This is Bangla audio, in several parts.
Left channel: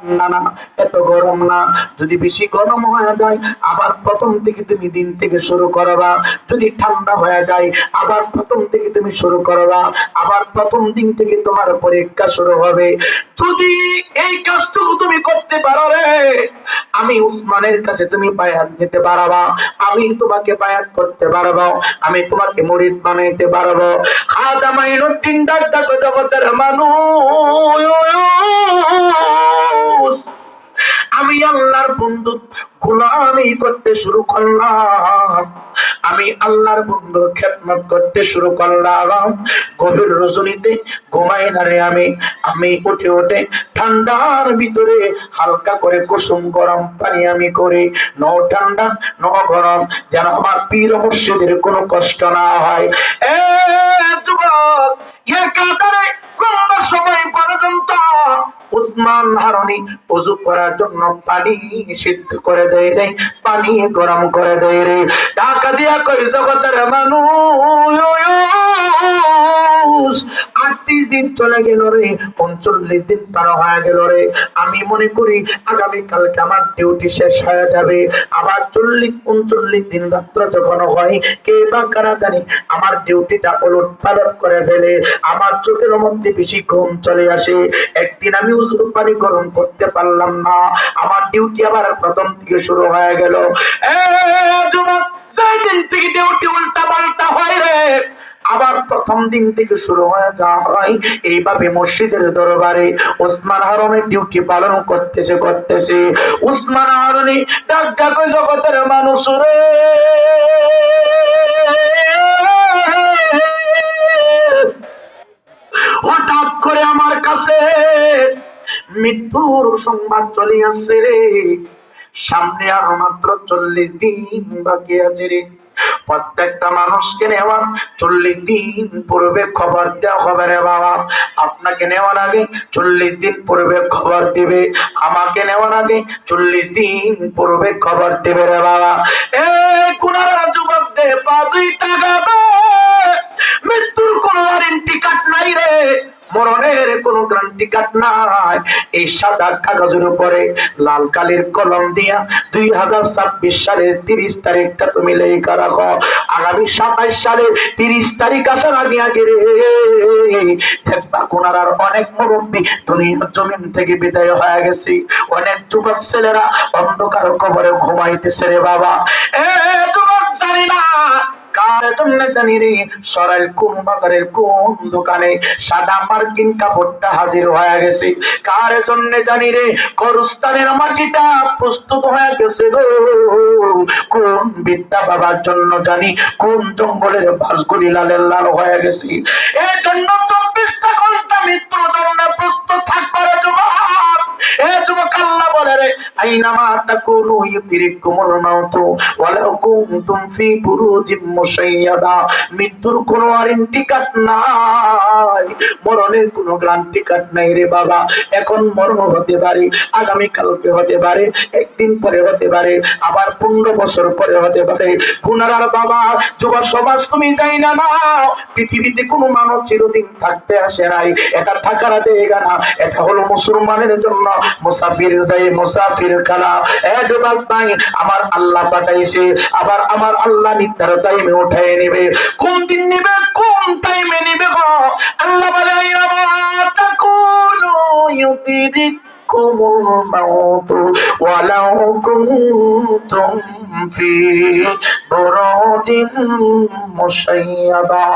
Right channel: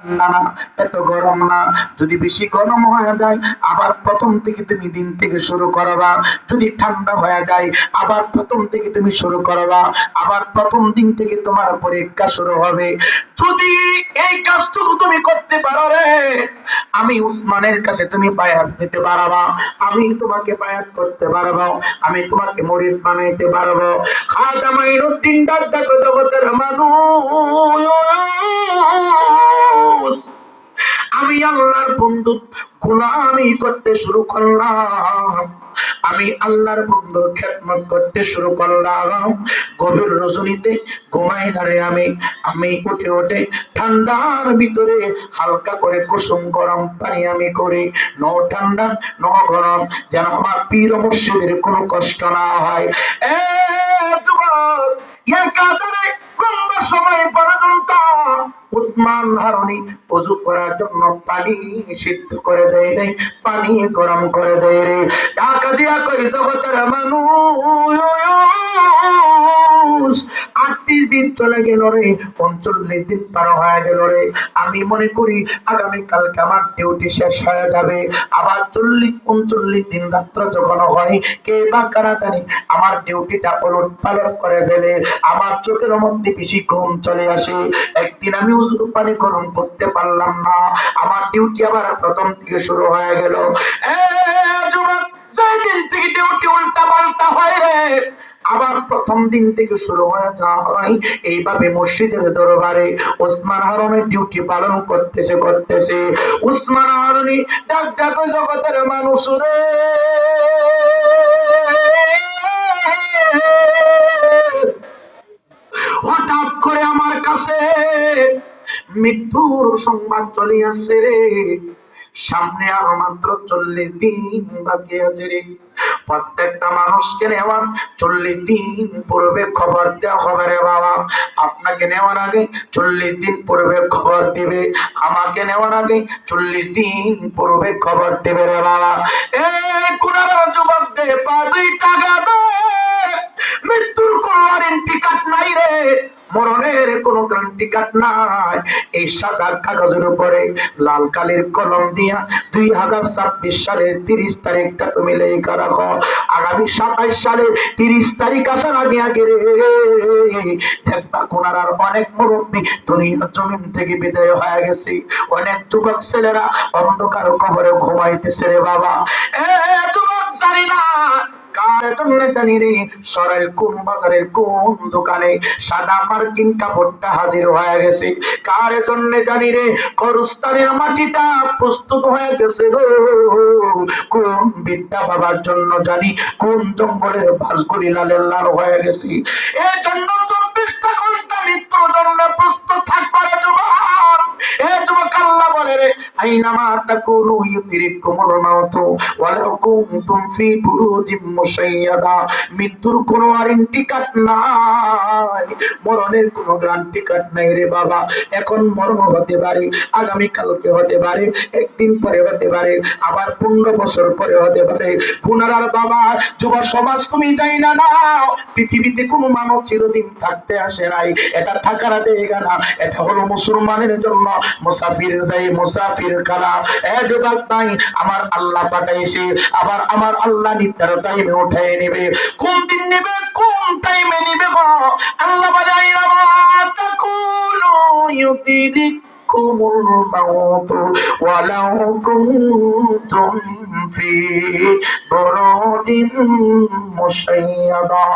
না না, এত গরম না। যদি বেশি গরম হয়ে যায় আবার প্রথম থেকে তুমি দিন থেকে শুরু করবা। যদি ঠান্ডা হয়ে যায় আবার প্রথম থেকে তুমি শুরু করবা। আবার প্রথম দিন থেকে তোমার পরীক্ষা শুরু হবে। যদি এই কাজটুকু তুমি করতে পারো রে, আমি উসমানের কাছে তুমি বায়াত নিতে পারবা, আমি তোমাকে বায়াত করতে পারবো, আমি তোমাকে মুরিদ বানাইতে পারবো। খাজা মাইনুদ্দিন দাদা জগতের মানুষ, আমি আল্লাহর বন্ধু গোলামি করতে শুরু করলাম, আমি আল্লাহর বন্ধুর খেদমত করতে শুরু করলাম। গভীর রজনীতে ঘুমাই না রে আমি, আমি উঠে উঠে ঠান্ডার ভিতরে হালকা করে কুসুম গরম পানি আমি করি। নো ঠান্ডা নো গরম, যেন আমার পীর মুর্শিদের কোনো কষ্ট না হয়। এ যুবক, একাধারে লম্বা সময় পর্যন্ত উসমান হারুনি ওযু করার জন্য পানি সিদ্ধ করে দেয় রে, পানি গরম করে দেয় রে। টাকা দিয়া কই জগতের মানুষ, 38 দিন চলে গেল রে, 39 দিন পার হয়ে গেল রে। আমি মনে করি আগামী কালকে আমার ডিউটি শেষ হয়ে যাবে। আবার 40-39 দিন রাত্র যখন হয়, কে বা কারা জানি আমার ডিউটিটা উলট পালট করে ফেলে। আমার চোখের মধ্যে বেশি ঘুম চলে আসে। একদিন আমি উযু পানি গরম করতে পারলাম না, আমার ডিউটি আবার প্রথম থেকে শুরু হয়ে গেল। এ যুবক, যেই দিন থেকে ডিউটি উল্টা পাল্টা হয় রে, আবার প্রথম দিন থেকে শুরু হয়ে যায়। এইভাবে মসজিদের দরবারে ওসমান হারুনের ডিউটি পালন করতেছে। ওসমান হারুনি ডাক ডাক জগতের মানুষ রে, হঠাৎ করে আমার কাছে মৃত্যুর সংবাদ চলে আসছে রে। সামনে আর মাত্র 40 দিন বাকি আছে রে। প্রত্যেকটা মানুষকে নেওয়ার 40 দিন পূর্বে খবর দেওয়া হবে রে বাবা। আপনাকে নেওয়ার আগে 40 দিন পূর্বে খবর দিবে, আমাকে নেওয়ার আগে 40 দিন পূর্বে খবর দিবে রে বাবা। এই কুনারা যুবক দে, 5 টাকা দে, মৃত্যুর কোন ওয়ারেন্টি কার্ড নাই রে, মরণের কোন গ্যারান্টি কার্ড নাই। এই সাদা কাগজের উপরে লাল কালির কলম দিয়া 2026 সালের 30 তারিখটা তুমি লেখা রাখো। আগামী 27 সালের 30 তারিখ আসার আগে আগে রে, দেখবা কোনার অনেক মুরব্বী দুনিয়ার জমিন থেকে বিদায় হয়ে গেছে। অনেক যুবক ছেলেরা অন্ধকার কবরে ঘুমাইতেছে রে বাবা। এ যুবক, জানি না কার জন্য জানি রে, সরাইল কোন বাজারের কোন দোকানে সাদা মার্কিন কাপড়টা হাজির হয়ে গেছে। কার জন্য জানি রে, গরুস্থানের মাটিটা প্রস্তুত হয়ে গেছে গো। কোন বিদ্যা বাবার জন্য জানি কোন জঙ্গলের বাসগুলি লালের লাল হয়ে গেছে। এই জন্য 24টা ঘন্টা মৃত্যুর জন্য প্রস্তুত থাকবে রে যুবক। এ যুবক, আল্লাহ বলে রে, আইনামা তাকুনু ইউতিরিকুমুল মাউতু ওয়ালাউ কুনতুম ফি বুরুজিম মুশাইয়াদা। মৃত্যুর কোনো ওয়ারেন্টি কার্ড নাই, মরণের কোনো গ্যারান্টি কার্ড নাই রে বাবা। এখন মরণ হতে পারে, আগামী কালকে হতে পারে, একদিন পরে হতে পারে, আবার 15 বছর পরে হতে পারে। গুনারার বাবা, যুব সমাজ তুমি যাই না নাও, পৃথিবীতে কোনো মানব চিরদিন থাকতে আসে নাই, এটা থাকার জায়গা না, এটা হলো মুসলমানের জন্য মুসাফির যাই মুসাফির কালা। এ যুবক ভাই, আমার আল্লাহ পাঠাইছে, আবার আমার আল্লাহ নির্ধারিত টাইমে উঠাই নেবে। কোন দিন নেবে, কোন টাইমে নেবে গো, আল্লাহ বলে আইনামা তাকুনু ইউতিরিকুমুল মাউতু ওয়ালাউ কুনতুম ফি বুরুজিন মুশাইয়াদা।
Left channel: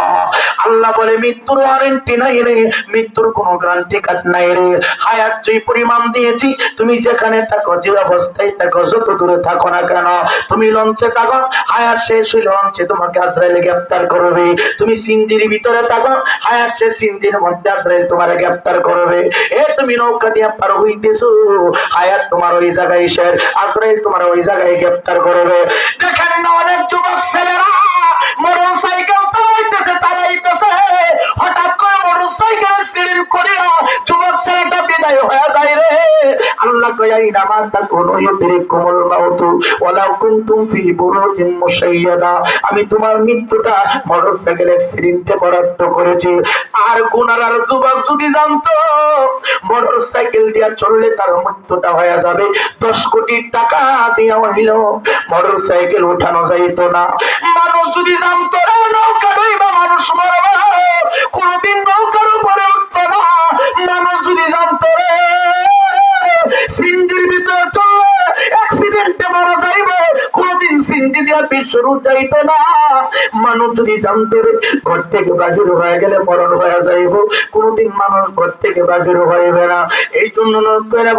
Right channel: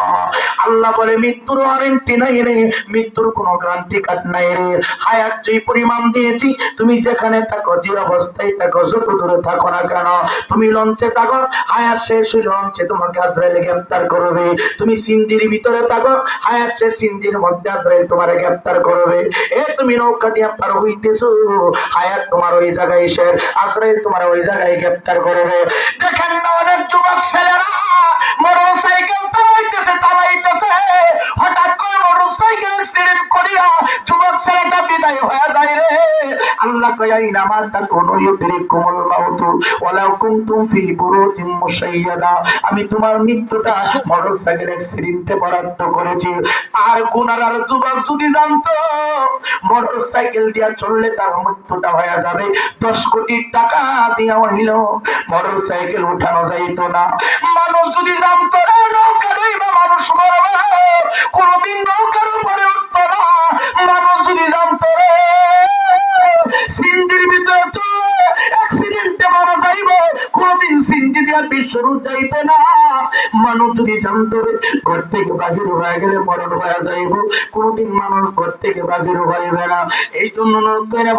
আল্লাহ বলে মৃত্যুর ওয়ারেন্টি নাই রে, মৃত্যুর কোনো গ্যারান্টি কার্ড নাই রে। হায়াত যে পরিমাণ দিয়েছি, তুমি যেখানে থাকো, যে অবস্থায় থাকো, যত দূরে থাকো না কেন, তুমি লঞ্চে থাকো, হায়াত শেষ হইলে লঞ্চে তোমাকে আজরাইল গ্রেফতার করবে। তুমি সিন্দির ভিতরে থাকো, হায়াত শেষ সিন্দির মধ্যে আজরাইল তোমার গ্রেফতার করবে। এ তুমি নৌকা দিয়ে পার হইতেছো, হায়াত তোমার ওই জায়গায় শেষ, আজরাইল তোমার ওই জায়গায় গ্রেফতার করবে। দেখেন না অনেক যুবক ছেলেরা মোটরসাইকেল চালাইতেছে, হঠাৎ করে মোটরসাইকেল অ্যাক্সিডেন্ট করিয়া যুবক ছেলেটা বিদায় হয়ে যায় রে। আল্লাহ কয় আইনা মা তাকুনু ইউদরিকুমুল মাউত ওয়ালাউ কুনতুম ফি বুরুজিম মুশাইয়াদা। আমি তোমার মৃত্যুটা মোটরসাইকেল অ্যাক্সিডেন্টে বরাদ্দ করেছি। আর গুনার যুবক যদি জানতো মোটরসাইকেল দিয়া চললে তার মৃত্যুটা হয়ে যাবে, 10 কোটি টাকা দিয়া হইল মোটরসাইকেল উঠানো যাইতো না। মানুষ যদি জানতো না নৌকা ডুইবা মানুষ মরবে, কোনদিন নৌকার উপরে উঠতো না। মানুষ যদি জানতো রে সিন্ধির ভিতরে চললে অ্যাক্সিডেন্টে মারা যাইবে, কোনদিন সিন্ধি দিয়া বিশ্বরূপ যাইতো না। মানুষ যদি জানতো রে ঘর থেকে বাহির হয়ে গেলে মরণ হয়ে যাইব, কোনদিন মানুষ ঘর থেকে বাহির হইবে না। এই জন্য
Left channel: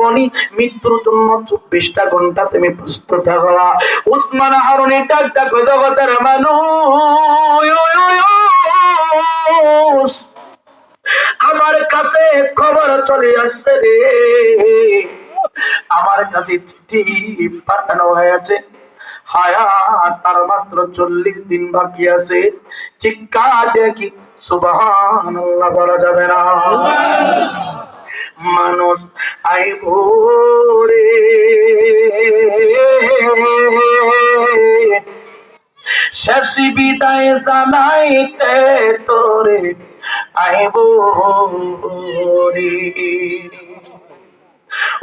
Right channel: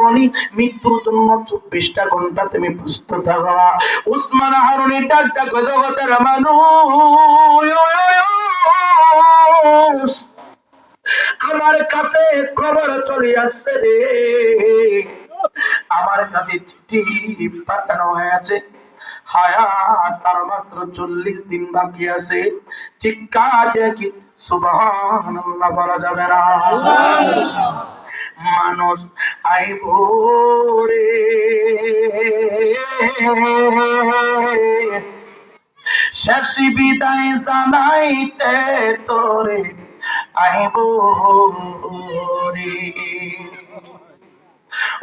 বলি মৃত্যুর জন্য 24টা ঘন্টা তুমি প্রস্তুত থাকবা। উসমান হারুনি ডাকটা কই জগতের মানুষ, আমার কাছে খবর চলে আসছে রে, আমার কাছে চিঠি পাঠানো হয়েছে, হায়াত তার মাত্র 40 দিন বাকি আছে। চিৎকার দেখি সুবহানাল্লাহ বলা যাবে না? মানুষ আইব রে শেষ বিদায় জানাইতে তোরে আইব রে।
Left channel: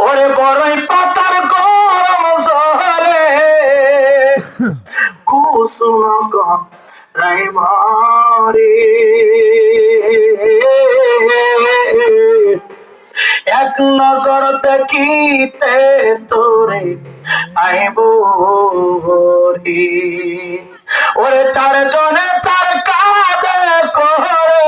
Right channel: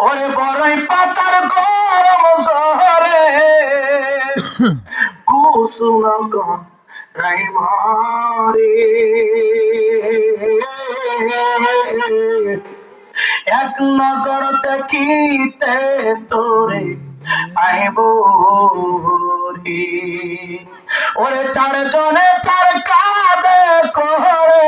ওরে বড়ই পাতার গরম জহরে কুসুম রাইমারে, এক নজর দেখিতে তোরে আইব রে। ওরে 4 জনে 4 কাঁধে করে